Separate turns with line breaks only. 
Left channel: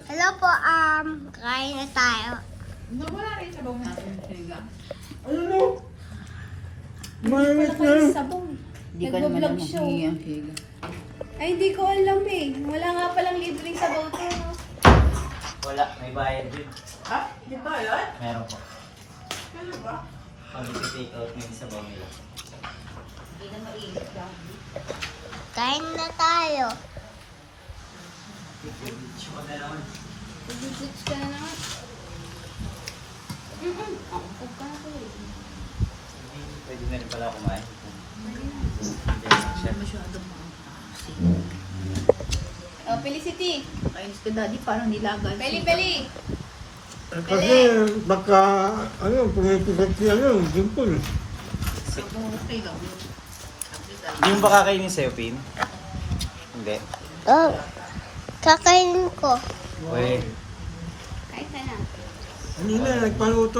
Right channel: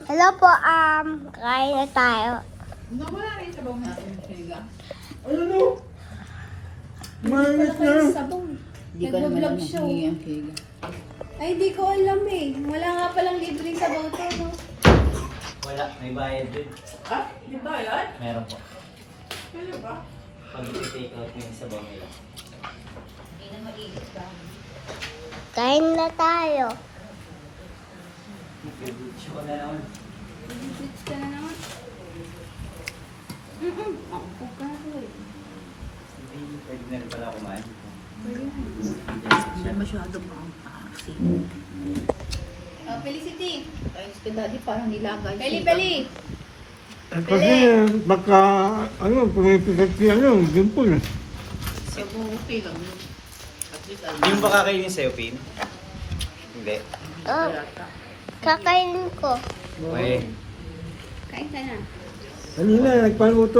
Hello po, kain na tayo.
Nawala rin sabaw natin, Sega.
Ano?
Wala kayo sabaw.
Hindi ka naman
Nagbablog
lang
show.
maghingi ang Sega.
Ay, hindi ko alam eh. Wala nga palang libreng sabaw to, no?
Wala, may bayad dun.
Ha? Di ba yan?
Meron po.
Ano ba?
Pag i-take out mo yung sabaw nila.
Hindi na mainit ba?
Kain na tayo.
Beach ko na naman.
Mag-switch ka na naman. Ang pagkato.
Pwede na rin pala kumain.
Pwede na.
Siya.
Masyado mo ang kasi.
Oh, Felicity.
Ayos ka daddy, parang nilagay.
Peli.
Kasi baka, pumipigat si Dimpol.
Sabaw okay lang yun. At least alam.
Hindi mo ba kakainin sa'yo, Pin? Hindi.
Oh, kakainin ko.
Okay.
Kain ka na.
Kanina, nagpanuto